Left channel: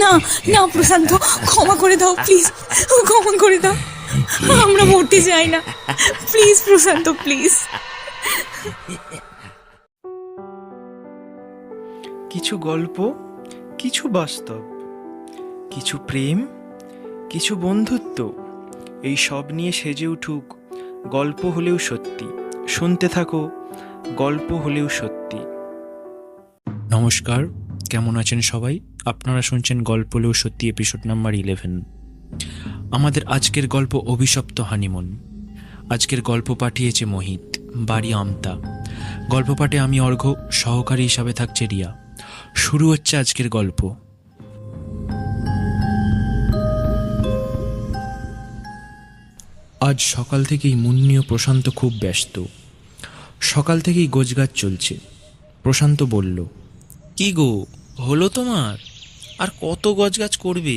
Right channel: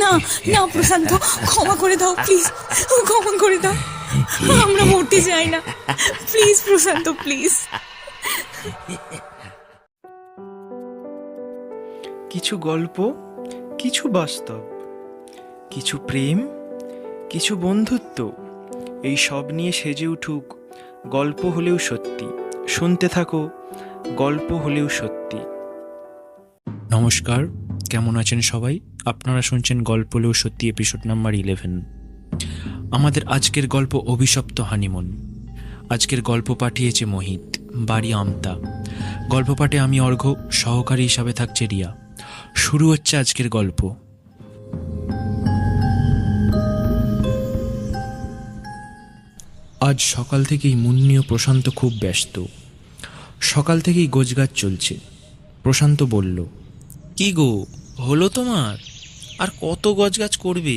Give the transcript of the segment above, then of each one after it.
না না প্রশান্ত, ক্ষমা করে দাও প্লিজ, ক্ষমা করে দাও। আমরা মরতে চাই না, প্লিজ প্রশান্ত, প্লিজ। কিছু গল্প, কিছু বাস্তব, কিছু প্রেম, কিছু বন্ধুত্ব, এই সব নিয়ে সেজে উঠুক গল্প হলেও সত্যি। শুনতে থাকো গল্প হলেও সত্যি। নমস্কার, কেমন আছেন সবাই? আপনারা শুনছেন গল্প হলেও সত্যি এপিসোড নাম্বার 11। আমাদের আজকের গল্প অভিশপ্ত হানিমুন। আজকের গল্প পাঠিয়েছে মোহিত, বাড়ি আমতা। গল্প পাঠে আমি অর্ঘ্য, সহকারী হিসাবে থাকছে রিয়া। শুরু হচ্ছে আজকের গল্প। আজ সকাল থেকেই মুন্নি ও প্রশান্ত খুব ব্যস্ত। সকাল থেকেই গোছগাছ চলছে। প্রশান্ত বলল, কি গো, হলো তোমার? আর কত গোছগাছ করবে?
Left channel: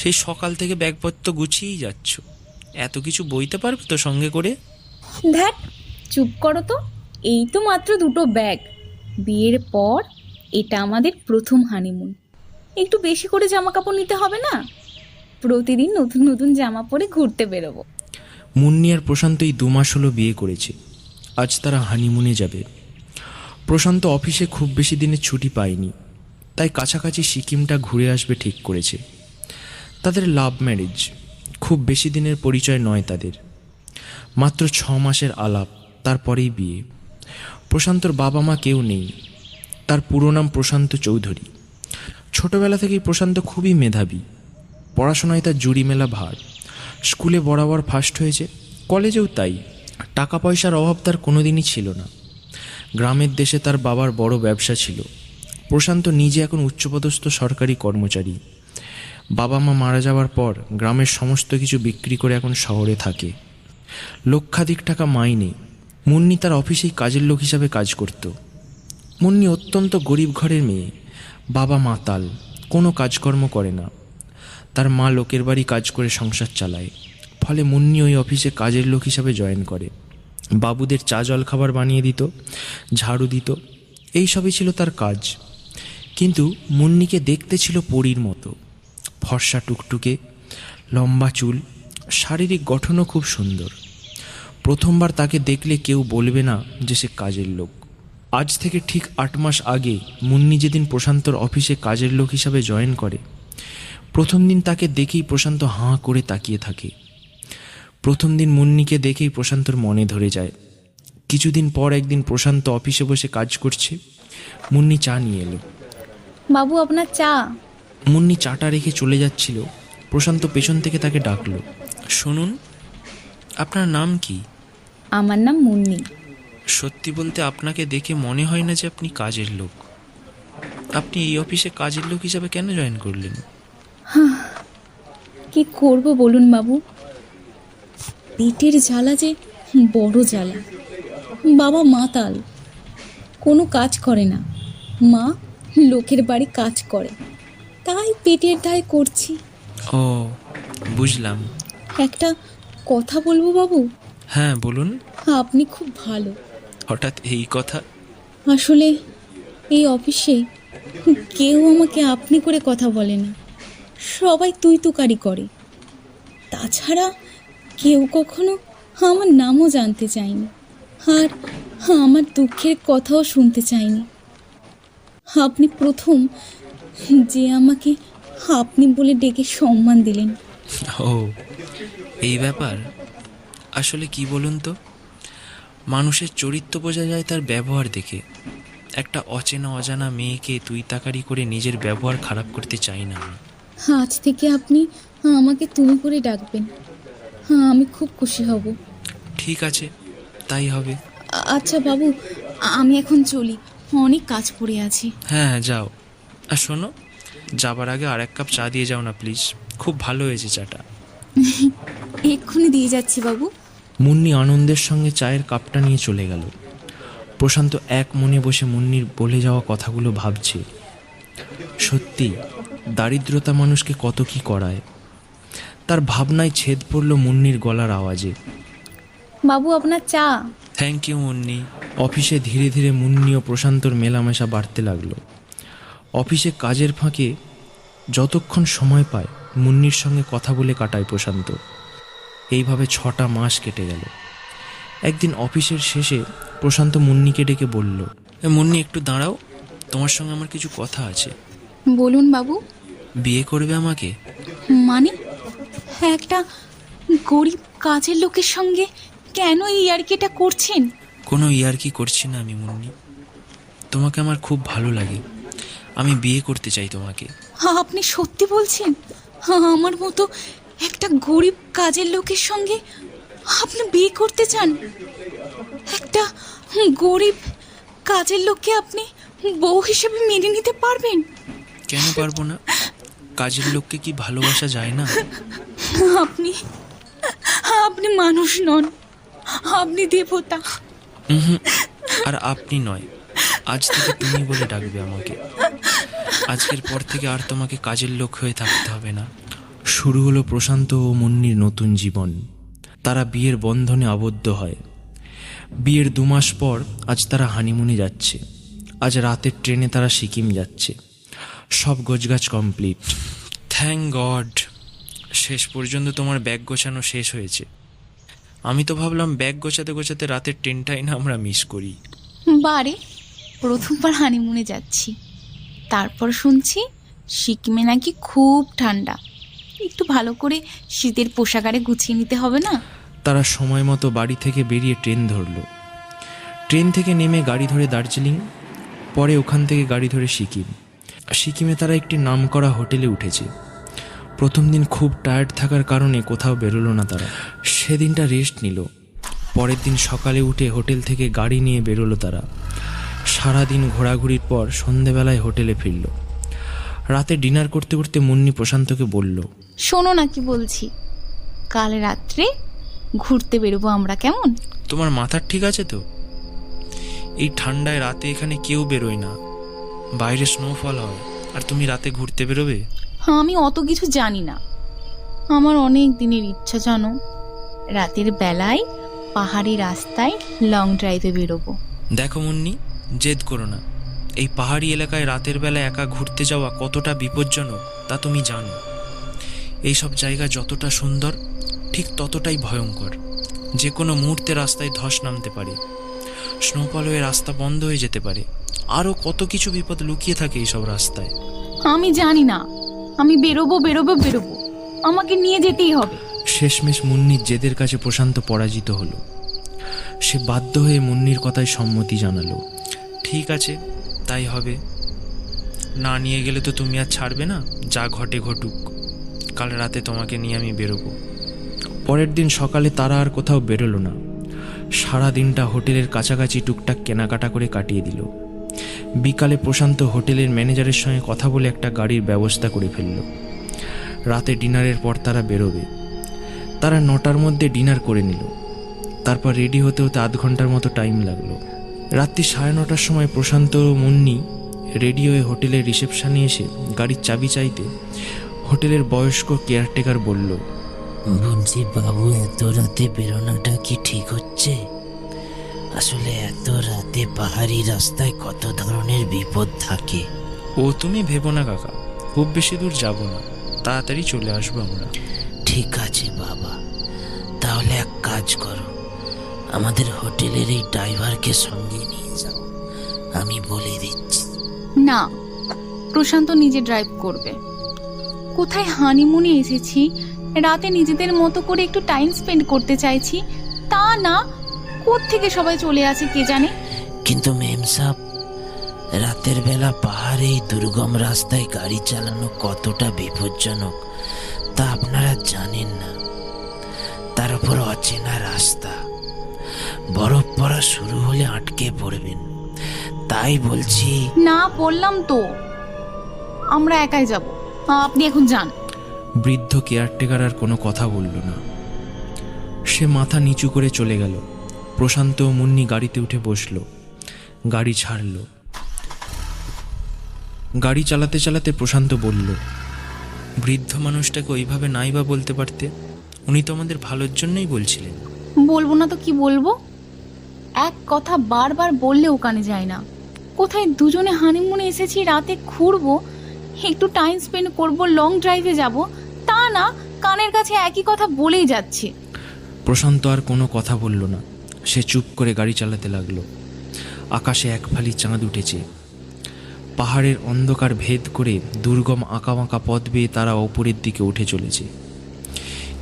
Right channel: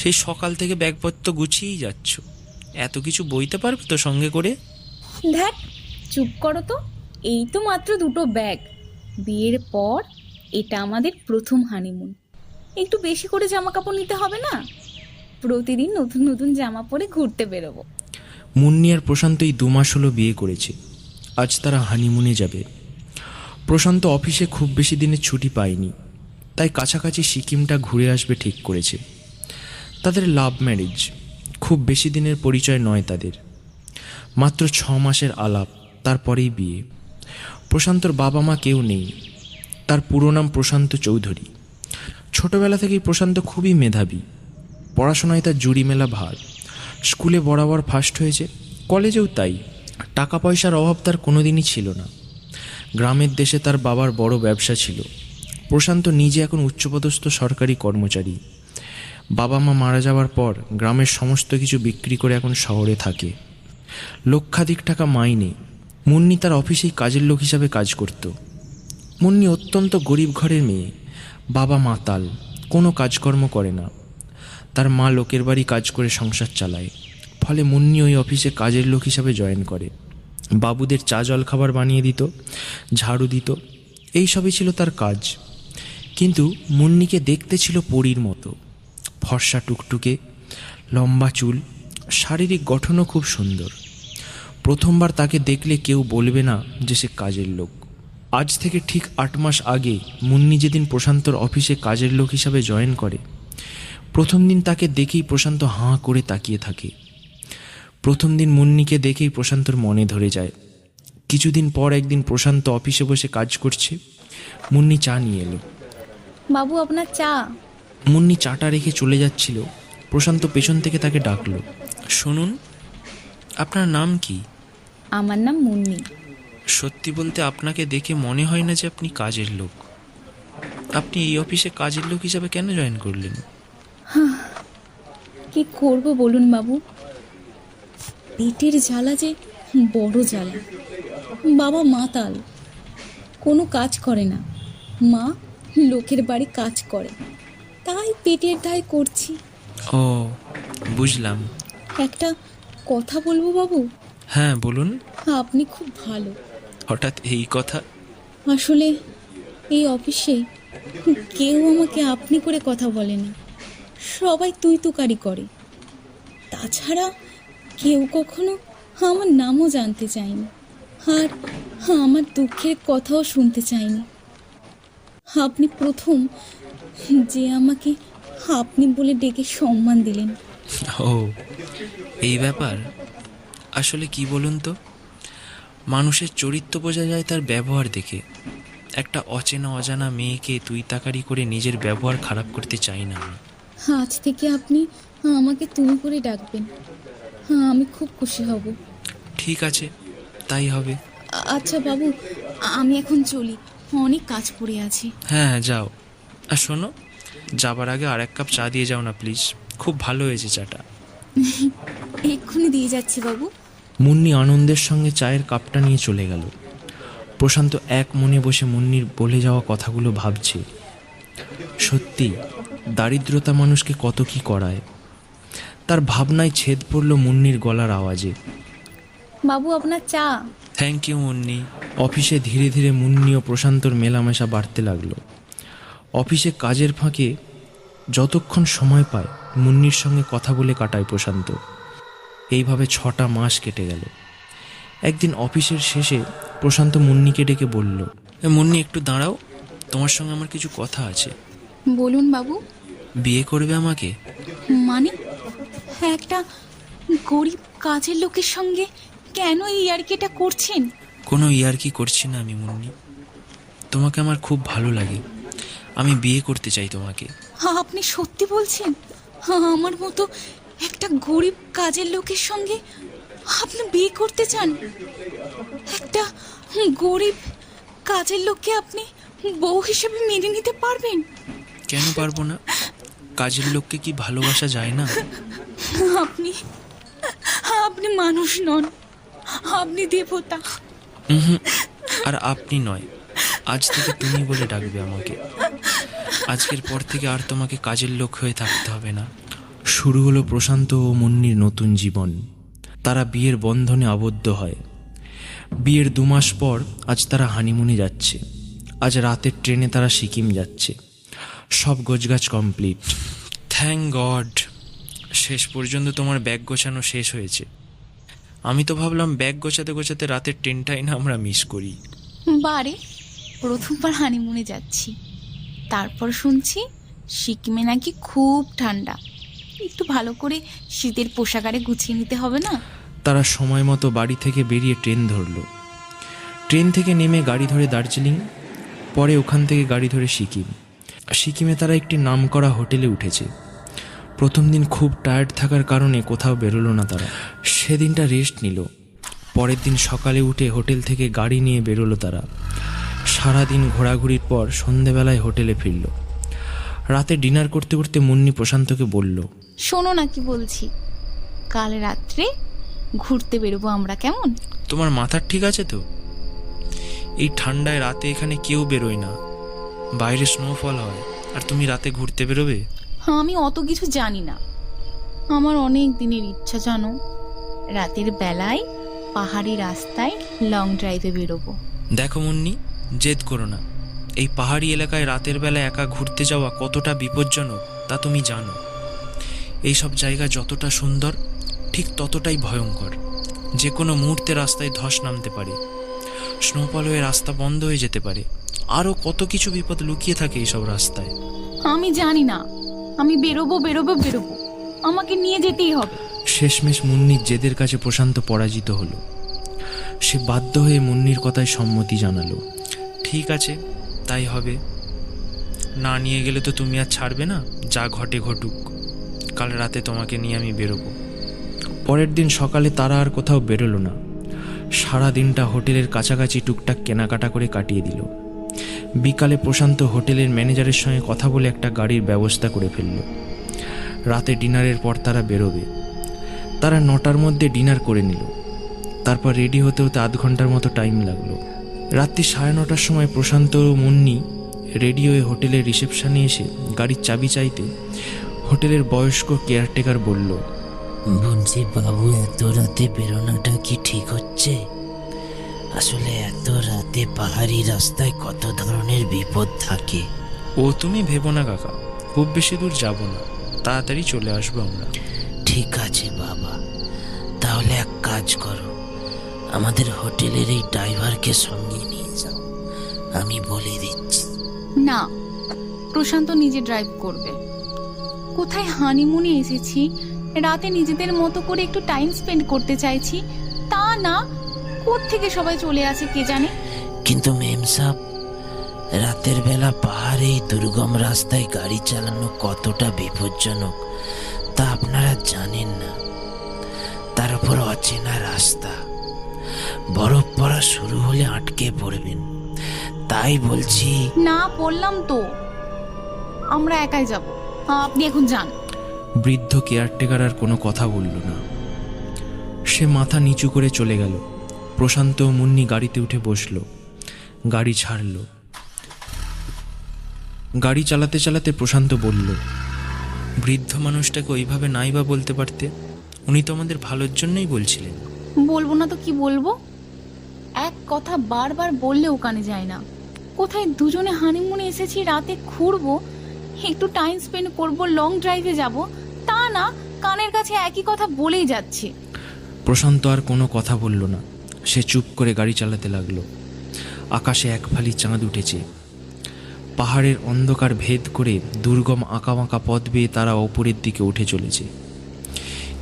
সেই সকাল থেকে ব্যাগপত্র গুছিয়েই যাচ্ছ। এত কিছু বইতে পারবে তো সঙ্গে করে? ধ্যাট, চুপ করো তো। এই তো মাত্র 2টো ব্যাগ। বিয়ের পর এটা আমাদের প্রথম হানিমুন। একটু বেশি করে জামা কাপড় নিতে হবে না? প্রতিদিন নতুন নতুন জামা পরে ঘুরতে বেরোবো। মুন্নি আর প্রশান্ত এই 2 মাস হলো বিয়ে করেছে। আজ তারা হানিমুনে যাবে। প্রশান্ত অফিসে খুব বেশি দিনের ছুটি পায়নি, তাই কাছাকাছি সিকিমটা ঘুরে আসবে ঠিক করেছে। তাদের লাভ ম্যারেজ, খুব বেশি দিনের পরিচয় নয় তাদের, মাত্র 6 মাসের আলাপ, তারপরেই বিয়ে। প্রশান্তর বাবা মা কেউ নেই। তার পুরো নাম প্রশান্ত চৌধুরী। ছোটবেলা থেকেই প্রশান্ত খুবই মেধাবী। পড়াশোনায় তার জুড়ি মেলা ভার। স্কুলে বরাবর ফার্স্ট হয়েছে, কলেজেও তাই। টাকা পয়সার অভাব তার কোনোদিনই ছিল না। গ্রামের দেশে তার বাবার বড় ব্যবসা ছিল। প্রশান্ত নিজে এখন উচ্চপদস্থ সরকারি কর্মচারী। বাবা মা মারা যাওয়ার পর গ্রামের সমস্ত কিছু বিক্রি করে এখন শহরে থাকে। লক্ষাধিক টাকা মাইনে। মুন্নি তার অফিসেই কাজের লোক হিসাবে কাজ করত। মুন্নি অত্যন্ত গরিব ঘরের মেয়ে। বাবা মাতাল, কোনো কাজকর্ম করে না। তার মা লোকের বাড়ি কাজ করে সংসার চালায়। ফলে মুন্নি ওই অফিসে কাজের লোক হিসাবে জয়েন করে। বাবুদের চা জল খাবার বানিয়ে দিত, ঝাড়ু দিত, এই সবই ছিল তার কাজ। কিন্তু মুন্নিকে দেখতে ছিল পরীর মতো। ফর্সা টুকটুকে, লম্বা চুল, শারীরিক গঠনও খুব সুন্দর। প্রথমবার তাকে দেখলে কেউ বলবে না যে সে কাজের লোক। আজ থেকে ঠিক 8 মাস আগে মুন্নি যেদিন প্রশান্তর অফিসে কাজের লোক হিসাবে জয়েন করে, প্রথম দিন তাকে দেখেই প্রশান্ত হাঁ করে তাকিয়ে থাকে। প্রথম দিন মুন্নিকে দেখেই প্রশান্তর মনে ধরে যায়। কিছুদিন পর একদিন প্রশান্ত অফিসে বসে কাজ করছে। মুন্নি চা নিয়ে এলো। বাবু, আপনার চা। মুন্নি চাটা রেখে চলে যাচ্ছিল। প্রশান্ত পেছন থেকে তাকে ডাকলো, শুনুন, আপনার নাম কি? আমার নাম মুন্নি। সত্যি বলতে আপনাকে দেখে মনে হয় না যে আপনি কাজের লোক। আপনি এই অফিসে কাজের লোক হিসাবে কেন জয়েন করলেন? কি করব বলুন বাবু, পেটের জ্বালা যে বড় জ্বালা। বাবা মাতাল, কোনো কাজ করে না। মা লোকের বাড়ি কাজ করে, তাই পেটের দায় করছি। ও, বুঝলাম। একটা কথা বলবো বাবু? হ্যাঁ, বলুন। আপনি খুব ভালো। হঠাৎ এই কথা? আসলে এই অফিসে কেউ আমাকে আপনি করে কথা বলে না, সবাই তুই তুকারি করে। তাছাড়া কেউ কখনো আমার নামও জানতে চায়নি, আর আমার দুঃখের কথাও শুনতে চায়নি। আপনি প্রথম যে আমাকে আপনি বলে ডেকে সম্মান দিলেন। ও, এই ব্যাপার। আসলে কি বলুন তো, মানুষের চরিত্র বোঝা যায় তার ব্যবহার দেখে। একটা অচেনা অজানা মেয়েকে তুই তাকারি করে নিজের ব্যবহার খারাপ করতে চাই না। আজ থেকে আপনি আমাকে তুমি করে ডাকবেন, আমি খুব খুশি হব। ঠিক আছে, তাই হবে। আচ্ছা বাবু, আমি এখন চলি, অনেক কাজ পড়ে আছে। হ্যাঁ, যাও। আর শোনো, যাবার আগে আর 1 কাপ চা দিয়ে যাও না প্লিজ। খুব ভালো হয়েছে চাটা। এক্ষুনি দিয়ে যাচ্ছি বাবু। মুন্নি আনন্দের সঙ্গে চায়ের কাপটা নিয়ে চলে গেল। প্রশান্ত এক মনে বসে মুন্নির বলে যাওয়া কথাগুলো ভাবছে। সত্যি, দারিদ্রতা মানুষকে কত কি করায়। তার ভাবনায় ছেদ পড়ল মুন্নির গলার আওয়াজে। বাবু, আপনার চা। Thank you Munni. অফিসে ধীরে ধীরে মুন্নি ও প্রশান্তর মেলামেশা বাড়তে লাগলো। অফিসে কাজের ফাঁকে যতক্ষণ সময় পায় মুন্নির সঙ্গে কথা বলে কাটায় প্রশান্ত। এইভাবে 6টা মাস কেটে গেল। একদিন অফিসের শেষে প্রশান্ত মুন্নিকে ডেকে বলল, মুন্নি একটু দাঁড়াও, তোমার সঙ্গে আমার কিছু কথা আছে। বলুন বাবু। বিয়ে করবে আমাকে? মানে একটা গরিব কাজের লোকের সঙ্গে কেন এই ইয়ার্কিটা করছেন? কোনো ইয়ার্কি করছি না আমি মুন্নি, তোমাকে আমার খুব ভালো লাগে, আমি বিয়ে করতে চাই তোমাকে। আপনি সত্যি বলছেন? আমার মতো একটা গরিব কাজের লোকের সঙ্গে আপনি বিয়ে করতে চান? একটা গরিব কাজের লোককে আপনি বউ হিসেবে মেনে নিতে পারবেন? কেন পারবো না? কাজের লোককে কি ভালোবাসা যায় না? আপনি আপনি মানুষ নন, আপনি দেবতা। আর আপনি নয়, আজ থেকে তুমি বলে ডাকবে আমাকে। আজকের পর থেকে আর তোমাকে কাজের লোক হয়ে থাকতে হবে না। শুরু হলো প্রশান্ত ও মুন্নির নতুন জীবন। তারা বিয়ের বন্ধনে আবদ্ধ হয়। বিয়ের 2 মাস পর আজ তারা হানিমুনে যাচ্ছে। আজ রাতের ট্রেনে তারা সিকিম যাচ্ছে। সব গোছগাছ কমপ্লিট। থ্যাঙ্ক গড, শেষ পর্যন্ত তোমার ব্যাগ গোছানো শেষ হয়েছে। আমি তো ভাবলাম ব্যাগ গোছাতে গোছাতে রাতের ট্রেনটাই না আমরা মিস করি। বারে প্রথমবার হানিমুনে যাচ্ছি, তারপর শুনছি সিকিমে নাকি খুব ঠান্ডা, একটু ভালো করে শীতের পোশাক আরে গুছিয়ে নিতে হবে না? তারা সময় মতো বাড়ি থেকে বেরিয়ে ট্রেন ধরলো। ট্রেন থেকে নেমে গাড়ি ধরে দার্জিলিং, পরে ওখান থেকে গাড়ি ধরে সিকিম। সিকিমে তারা একটি নামকরা হোটেলে উঠেছে। প্রথম দিন খুব টায়ার্ড থাকার কারণে কোথাও বেরোলো না তারা। সেদিনটা রেস্ট নিল। পরের দিন সকালে উঠে হোটেল থেকে গাড়ি নিয়ে বেরোলো তারা। সারাদিন ঘোরাঘুরির পর সন্ধেবেলায় হোটেলে ফিরল। রাতে ডিনার করতে করতে মুন্নি প্রশান্তকে বলল, শোনো না কি বলছি, কাল রাত্রে ঘুরতে বেরোবো আমরা, কেমন? তোমার মাথার ঠিক আছে তো? এই ঠান্ডায় রাতে এখানে কেউ বেরোয় না, বাইরে স্নোফল হয়, আর তুমি রাতে ঘুরতে বেরোবে? আমি অত কিছু জানি না, আমার অনেক দিনের ইচ্ছা জানো, রাতের বেলায় পাহাড়ি রাস্তায় লং ড্রাইভে বেরোবো। দেখো মুন্নি, জেদ করো না। এই পাহাড়ি এলাকায় রাতের বেলা একা ঘুরতে যাওয়া কতটা বিপজ্জনক তা তুমি জানো। এইসব জায়গা যতটা সুন্দর ঠিক ততটাই ভয়ঙ্কর। যে কোনো মুহূর্তে রাস্তায় ধস নামতে পারে, স্নোফল হয়ে রাস্তা বন্ধ হয়ে যেতে পারে, আরও কত কিছু বিপদ লুকিয়ে থাকে এইসব রাস্তায়। আমি জানি না, আমি বেরোবো বেরোবো বেরোবো, আমাকে নিয়ে যেতেই হবে। শেষমেশ মুন্নির জেদের কাছে প্রশান্ত পরাজিত হলো। সে বাধ্য হয়ে মুন্নির কথায় সম্মতি জানালো। ঠিক আছে, তাই হবে। না নিয়ে গেলে তো তুমি আর ছাড়বে না, যা ঘটে ঘটুক। কাল রাতে তোমাকে নিয়ে আমি বেরোবো। পরের দিন সকালে তারা আর কোথাও বেরোলো না। সারা দিনটা হোটেলের কাছাকাছি টুকটাক কেনাকাটা করে কাটিয়ে দিল। বিকালে প্রশান্ত হোটেলের ম্যানেজারের সঙ্গে কথা বলে একটা গাড়ির ব্যবস্থা করে ফেলল। রাতে ডিনারের পর তারা বেরোবে। তারা 9টার মধ্যে ডিনার করে নিল। তারপর রেডি হতে হতে 8 ঘন্টার মতো টাইম লাগলো। রাত্রি 9:30টার সময় প্রশান্ত ও মুন্নি রেডি হয়ে হোটেলের রিসেপশনে এসে গাড়ির চাবি চাইতে হোটেলের বয়স্ক কেয়ারটেকার বলল, বলছি বাবু, এত রাতে বেরোনোটা কি ঠিক হচ্ছে? আসলে এত রাতে পাহাড়ি রাস্তায় কত ধরনের বিপদ থাকে। ও তুমি ভেবো না কাকা, খুব বেশি দূর যাব না, তাড়াতাড়ি চলে আসবো আমরা। ঠিক আছে বাবা, তাহলে এক কাজ করো, আমাদের হোটেলের এই ড্রাইভারকে সঙ্গে নিয়ে যাও, আমি বলে দিচ্ছি। না, প্রশান্ত নিজে ড্রাইভ করবে। কোথায় হানিমুনে এসেছি, রাতে নিজেদের মতো করে একটু টাইম স্পেন্ড করতে চাইছি, তা না কোত্থেকে সবাই চলে আসে কে জানে। কিন্তু মেম সাহেব, রাতের বেলা পাহাড়ে এই দুর্গম রাস্তায় গাড়ি চালানো কতটা বিপজ্জনক তা আপনারা জানেন না। তার উপর অচেনা রাস্তা, বরফ পড়া শুরু হলে আটকে পড়বেন। তাই বলছি। না বললাম তো, আমরা একাই যাব, আপনি এখন যান। বৃদ্ধ কেয়ারটেকার আর কোনো কথা বলল না। সে মাথা নিচু করে চলে গেল। প্রশান্ত ও মুন্নি গাড়িতে উঠে বসল। গাড়ি ছাড়ল। গাড়ি চালাতে চালাতে প্রশান্ত বলল, বৃদ্ধ মানুষটাকে ওইভাবে নাই বা বলতে পারতে, উনি তো আমাদের ভালোর জন্যই বলছিলেন। বলবো না তো কি বলবো, এক কথা বারবার বললেও কানে যায় না। কোথায় দুজনে হানিমুনে এসেছি, রাতে ঘুরবো, একটু টাইম স্পেন্ড করব, লং ড্রাইভে যাব, তা না কানের কাছে একই কথা বলেই যাচ্ছে। প্রশান্ত আর কোনো কথা বলল না। সে চুপ করে গাড়ি চালাতে লাগলো। আকাশে এক ফালি চাঁদ উঠেছে। পাহাড়ের অন্ধকার ভেদ করে দুর্গম আঁকাবাঁকা পথ বেয়ে তারা ওপরের দিকে উঠে চলেছে।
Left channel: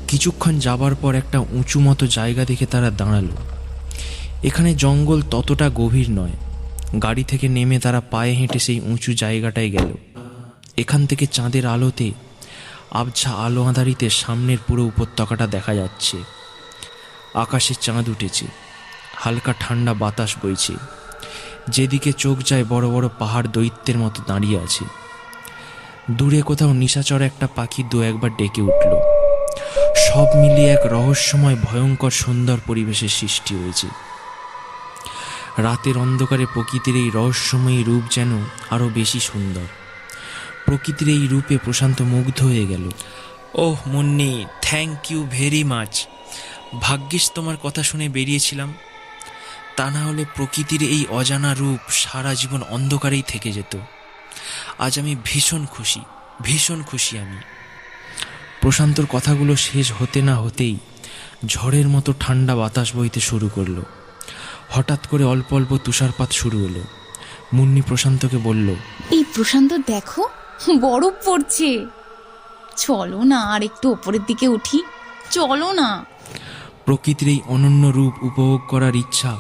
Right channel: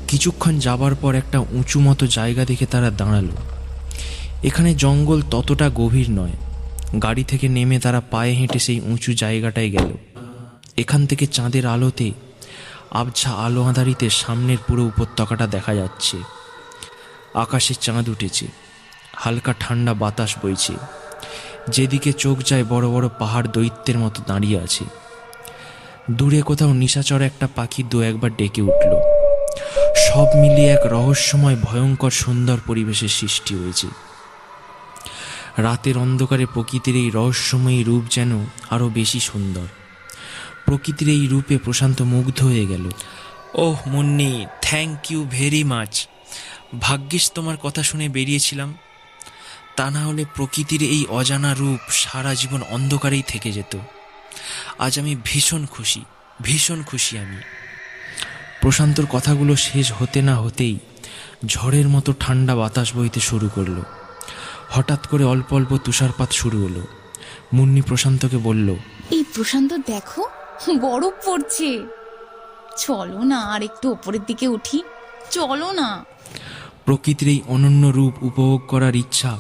কিছুক্ষণ যাবার পর একটা উঁচু মতো জায়গা দেখে তারা দাঁড়ালো। এখানে জঙ্গল ততটা গভীর নয়। গাড়ি থেকে নেমে তারা পায়ে হেঁটে সেই উঁচু জায়গাটায় গেল। এখান থেকে চাঁদের আলোতে, আবছা আলো আঁধারিতে সামনের পুরো উপত্যকাটা দেখা যাচ্ছে। আকাশে চাঁদ উঠেছে, হালকা ঠান্ডা বাতাস বইছে। যেদিকে চোখ যায় বড় বড় পাহাড় দৈত্যের মতো দাঁড়িয়ে আছে। দূরে কোথাও নিশাচর একটা পাখি দু একবার ডেকে উঠল। সব মিলিয়ে এক রহস্যময় ভয়ঙ্কর সুন্দর পরিবেশের সৃষ্টি হয়েছে। রাতের অন্ধকারে প্রকৃতির এই রহস্যময়ী রূপ যেন আরও বেশি সুন্দর। প্রকৃতির এই রূপে প্রশান্ত মুগ্ধ হয়ে গেল। Oh Munni, thank you very much. ভাগ্যিস তোমার কথা শুনে বেরিয়েছিলাম, তা না হলে প্রকৃতির এই অজানা রূপ সারা জীবন অন্ধকারেই থেকে যেত। আজ আমি ভীষণ খুশি আমি। প্রশান্তর কথাগুলো শেষ হতে না হতেই ঝড়ের মতো ঠান্ডা বাতাস বইতে শুরু করলো। হঠাৎ করে অল্প অল্প তুষারপাত শুরু হলো। মুন্নি প্রশান্তকে বলল, এই প্রশান্ত দেখো, বরফ পড়ছে, চলো না আর একটু ওপরের দিকে উঠি, চলো না। প্রকৃতির এই অনন্য রূপ উপভোগ করার ইচ্ছা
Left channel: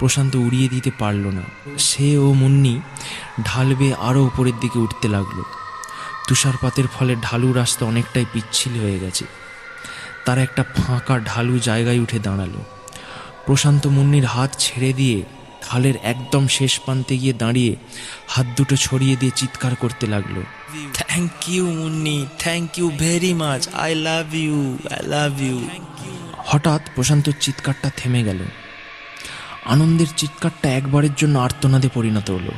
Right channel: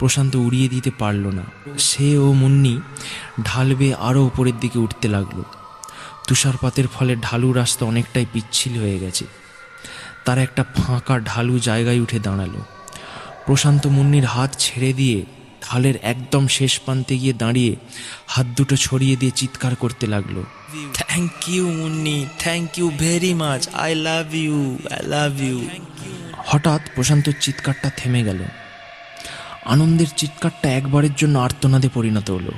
প্রশান্ত উড়িয়ে দিতে পারল না। সে ও মুন্নি ঢাল বেয়ে আরও উপরের দিকে উঠতে লাগলো। তুষারপাতের ফলে ঢালু রাস্তা অনেকটাই পিচ্ছিল হয়ে গেছে। তারা একটা ফাঁকা ঢালু জায়গায় উঠে দাঁড়ালো। প্রশান্ত মুন্নির হাত ছেড়ে দিয়ে ঢালের একদম শেষ প্রান্তে গিয়ে দাঁড়িয়ে হাত দুটো ছড়িয়ে দিয়ে চিৎকার করতে লাগলো, thank you Munni, thank you very much, I love you. হঠাৎ প্রশান্তর চিৎকারটা থেমে গেল। আনন্দের চিৎকারটা একবারের জন্য আর্তনাদে পরিণত হলো।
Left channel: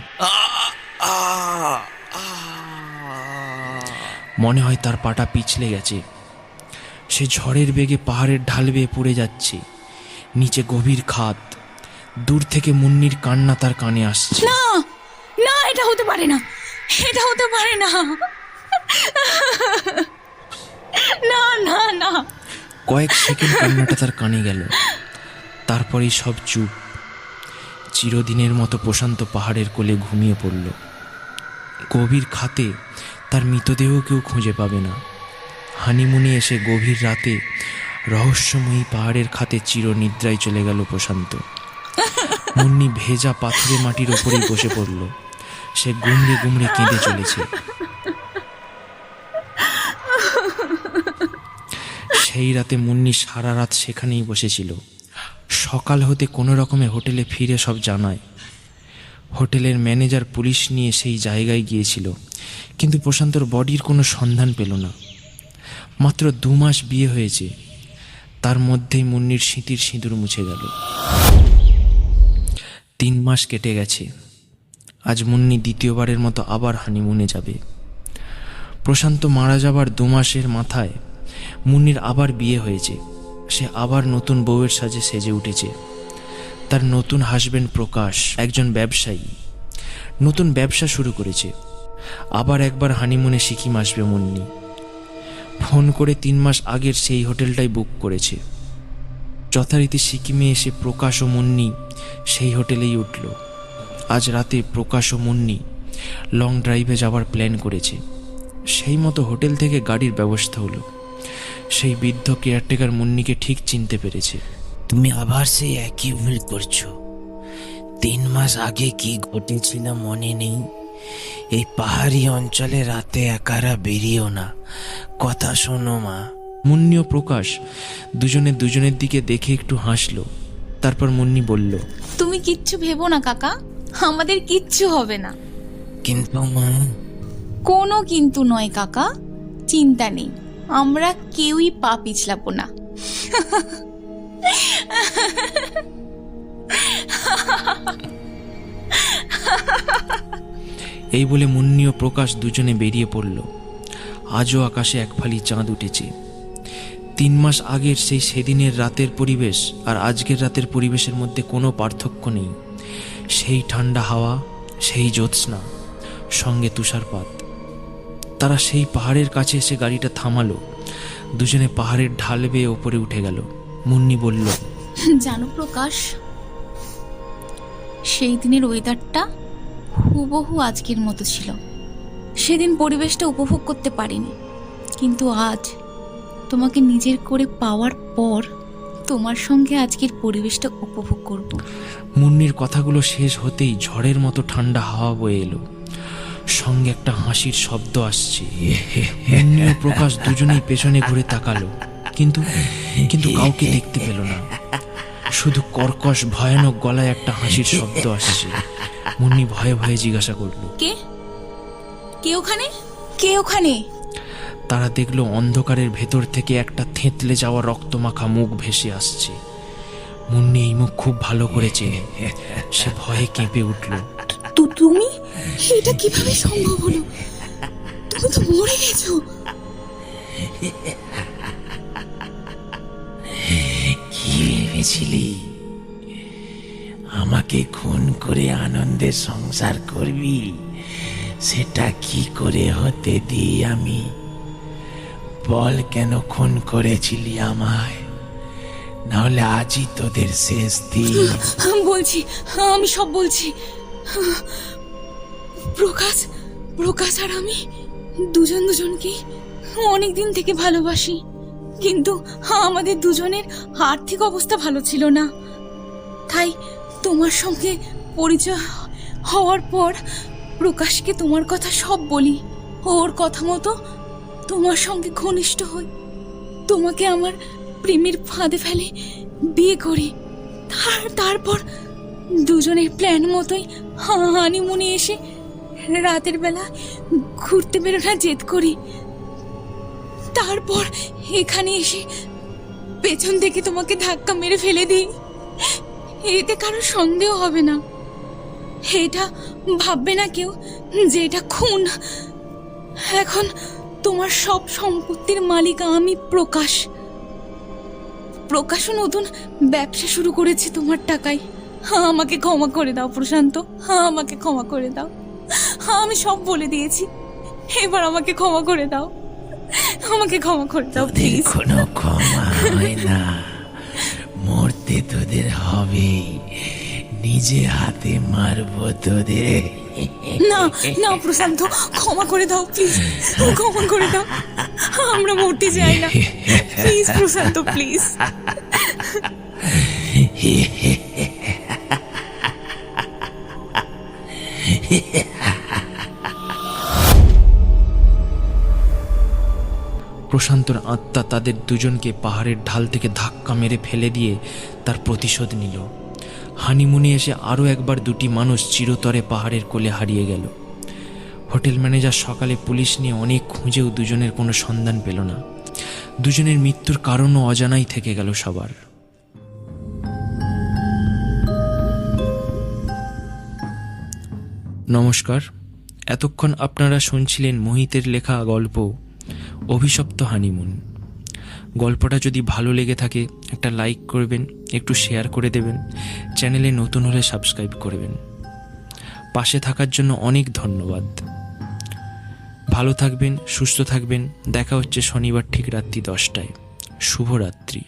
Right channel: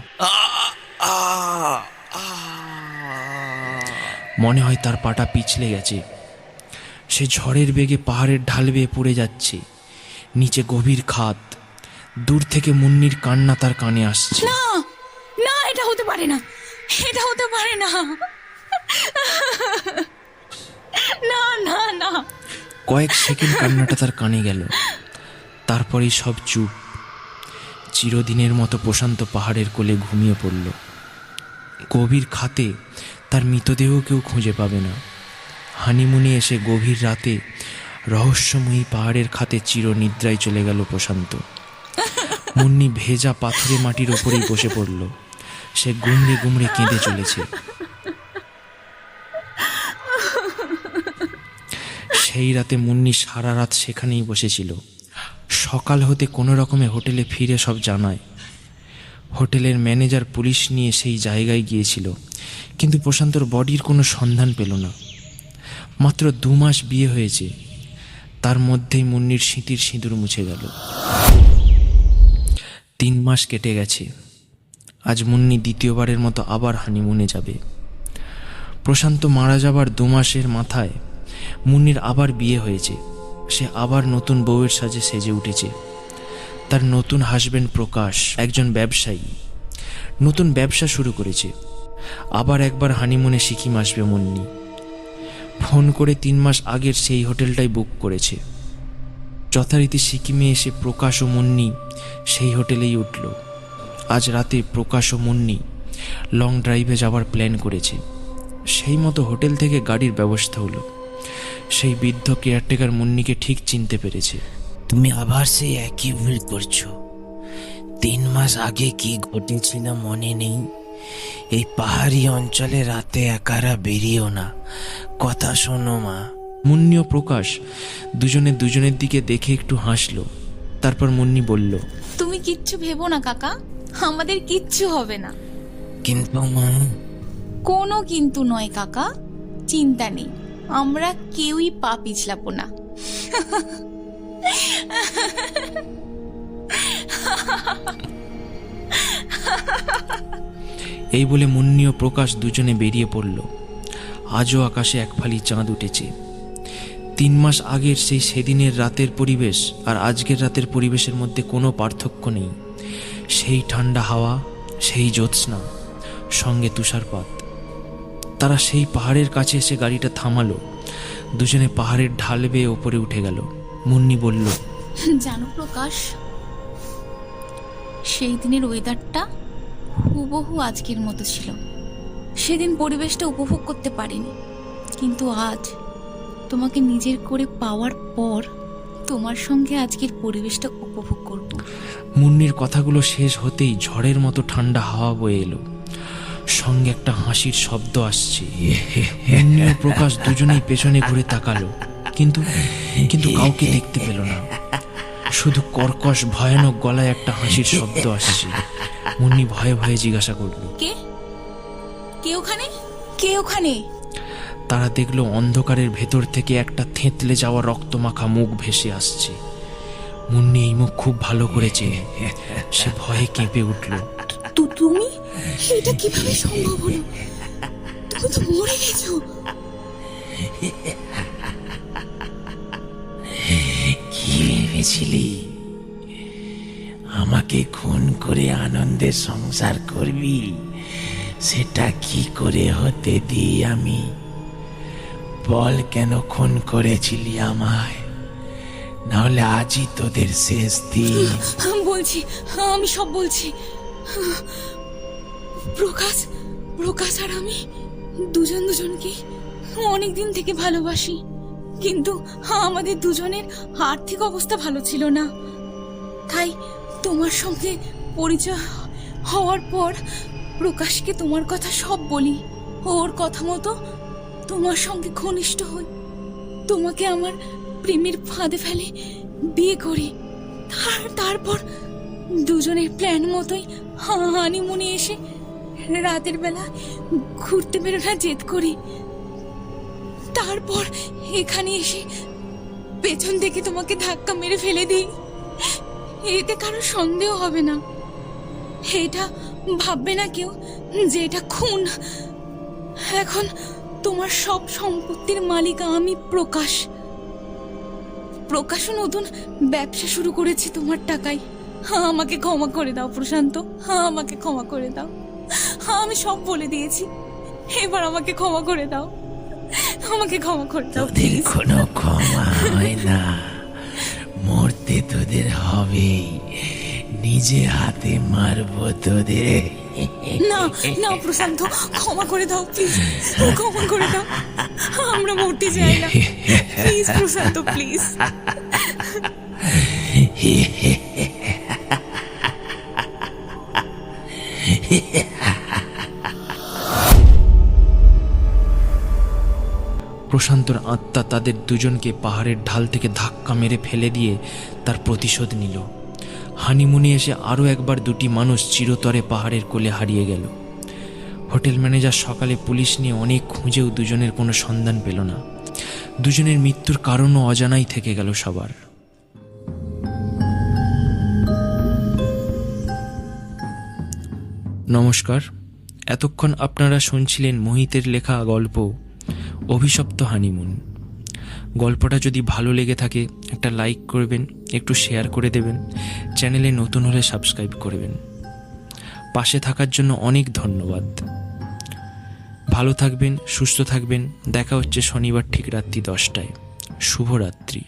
মনে হয় তার পাটা পিছলে গেছে। সে ঝড়ের বেগে পাহাড়ের ঢাল বেয়ে পড়ে যাচ্ছে। নিচে গভীর খাদ। দূর থেকে মুন্নির কান্না তার কানে আসছে। না না, এটা হতে পারে না, এটা হতে পারে না, না না না। কয়েক সেকেন্ড কান্নাটা তার কানে গেল। তারপরেই সব চুপ। চিরদিনের মতো প্রশান্ত পাহাড়ের কোলে ঘুমিয়ে পড়ল। গভীর খাতে তার মৃতদেহ কেউ খুঁজে পাবে না। হানিমুনে এসে গভীর রাতে রহস্যময়ী পাহাড়ের খাতে চিরনিদ্রায় চলে গেল প্রশান্ত। মুন্নি ভেজা পাথুরে মাটির ওপরেই বসে পড়ল। সে গুমড়ে গুমড়ে কেঁদে চলেছে। সেই রাতে মুন্নি সারা রাত সেখানেই বসেছিল। সকাল হতে কোনো রকমে হোটেলে ফিরে সব জানায়। হোটেলের ম্যানেজার পুলিশ নিয়ে সেই জায়গায় গিয়েছিল, কিন্তু প্রশান্তর বডির কোনো সন্ধান পেল না। মাত্র 2 মাস বিয়ে হয়েছে, তার মধ্যেই মুন্নির স্মৃতির সিঁদুর মুছে গেল। 3 মাস কেটে গেছে। আজ মুন্নি দ্বিতীয়বারের মতো আবার হানিমুনে যাবে। প্রশান্ত মারা যাবার 2 মাসের মাথায় মুন্নির আবার বিয়ে হয়েছে। সে আবার নতুন বউয়ের সাজে সেজে উঠেছে। তার নতুন হাজবেন্ড প্রকাশ একজন ব্যবসায়ী, নতুন ব্যবসা শুরু করেছে। আবার একবার হানিমুনে সিকিম আসবে মুন্নি। ফোন করে 3 মাস আগের সেই হোটেলটাই বুক করেছে। যথারীতি সিকিমে এসে প্রকাশ ও মুন্নি সেই হোটেলেই উঠল। আজ রাতে প্রকাশ ও মুন্নি লং ড্রাইভে যাওয়ার প্ল্যান করেছে। সেই মতো হোটেল থেকে গাড়ির ব্যবস্থা হলো। সেই বৃদ্ধ কেয়ারটেকার মুন্নিকে ঠিক চিনতে পেরেছে। তুমি আবার সেই একই ভুল করছো। 3 মাস আগে কি ঘটেছিল মনে নেই? এই পাহাড়ি অঞ্চলে রাতে একারা বেরিয়েও না, কথা শোনো মা। মুন্নি ও প্রকাশ দুজনে দুজনের দিকে দেখে একটু হাসলো। তারপর মুন্নি বলল, তুমি কিচ্ছু ভেবো না কাকা, আমাদের কিচ্ছু হবে না। কিন্তু মা। কোনো কিন্তু নয় কাকা, চিন্তা নেই, আমরা কেউই পা পিছলাবো না। এই বলে মুন্নি ও প্রকাশ দুজনে বেরিয়ে পড়ল। আজও আকাশে এক ফালি চাঁদ উঠেছে। 3 মাস আগের সেদিনের রাতের পরিবেশ আর আজকের রাতের পরিবেশের মধ্যে কোনো পার্থক্য নেই। সেই ঠান্ডা হাওয়া, সেই জ্যোৎস্না, সঙ্গে তুষারপাত। তারা সেই পাহাড়ের কাছে এসে গাড়িটা থামালো। দুজনে পাহাড়ের ঢাল বেয়ে ওপরে উঠে গেল। মুন্নি বলল, জানো প্রকাশ, সেই দিনের ওয়েদারটা হুবহু আজকের মতো ছিল। সেদিন পরিবেশটা উপভোগ করতে পারিনি, কিন্তু আজ তোমাকে নিজের করে পাওয়ার পর তোমার সঙ্গে আজকের পরিবেশটা উপভোগ করব। মুন্নির কথাগুলো শেষ হতেই ঝড়ের মতো ঠান্ডা হাওয়া বয়ে এলো, সঙ্গে একটা হাসির শব্দ আসছে। মুন্নি ও প্রকাশ দুজনেই পেছনে ঘুরে তাকালো, কিন্তু কিন্তু কাউকে দেখতে পেল না। শুধু কর্কশ ভয়ানক গলায় একটা হাসির শব্দ আসছে। মুন্নি ভয়ে ভয়ে জিজ্ঞাসা করলো, কে কে ওখানে? কে ওখানে? তারা দেখলো অন্ধকারের ভেতর থেকে একটা থেঁতলে যাওয়া রক্তমাখা মুখ ভেসে আসছে। মুন্নি এই মুখ খুব ভালো করে চেনে। সে ভয়ে কেঁপে উঠল। তুমি? এটা কিভাবে সম্ভব হলো? তুমি তো মরে গেছো। কি ভেবেছিলি আমাকে খুন করে আনন্দে সংসার করবি? সেটা কি করে হতে দিই আমি? বল, কেন খুন করেছিলি আমায়? নাহলে আজই তোদের শেষ দিন। বলছি, আমি সব বলছি। প্রকাশ আর আমি দুজনকে অনেক দিন থেকে ভালোবাসি, কিন্তু আমাদের দুজনের আর্থিক অবস্থা ভালো ছিল না। তাই তোমার সঙ্গে পরিচয় হওয়ার পর প্রকাশকে তোমার কথা সব বলি। ওর কথা মতো তোমার সঙ্গে ঘনিষ্ঠ হই, তোমাকে আমার প্রেমের ফাঁদে ফেলে বিয়ে করি। তারপর দুজনের প্ল্যান মতোই হানিমুনে এসে রাতের বেলা ঘুরতে বেরোনোর জেদ করি। তারপর এখানে এসে পেছন থেকে তোমাকে ধাক্কা মেরে ফেলে দিই। এতে কারো সন্দেহ হবে না, এটা ভাববে না কেউ যে এটা খুন। এখন তোমার সব সম্পত্তির মালিক আমি। প্রকাশও নতুন ব্যবসা শুরু করেছে তোমার টাকায়। আমাকে ক্ষমা করে দাও প্রশান্ত, আমাকে ক্ষমা করে দাও। আমি সব বলে দিয়েছি, এবার আমাকে ক্ষমা করে দাও, আমাকে ক্ষমা করে দাও। তোদের কোনো ক্ষমা হয় না, মরতে তোদের হবেই। নিজে হাতে মারবো তোদের। না না প্রশান্ত, ক্ষমা করে দাও প্লিজ, ক্ষমা করে দাও। আমরা মরতে চাই না, প্লিজ প্রশান্ত, প্লিজ। প্রশান্তর আত্মা তাদের দুজনকে পাহাড়ের ঢাল থেকে ধাক্কা মেরে ফেলে দিয়ে তার প্রতিশোধ নিল। হানিমুনে এসে আরও একবার দুটি মানুষ চিরতরে পাহাড়ের কোলে হারিয়ে গেল। হোটেল ম্যানেজার সকালে পুলিশ নিয়ে অনেক খুঁজেও দুজনের কোনো সন্ধান পেল না। দুজনের মৃত্যুর কারণও অজানাই থেকে গেল সবার। নমস্কার, এতক্ষণ আপনারা শুনছিলেন মোহিতের লেখা গল্প অভিশপ্ত হানিমুন। গল্পটা যদি ভালো লেগে থাকে একটা লাইক করবেন, একটু শেয়ার করে দেবেন, চ্যানেলে নতুন হলে সাবস্ক্রাইব করবেন। পাশে থাকার জন্য অনেক ধন্যবাদ। ভালো থাকবেন, সুস্থ থাকবেন। দেখা হচ্ছে শনিবার ঠিক রাত্রি 10টায়। শুভরাত্রি।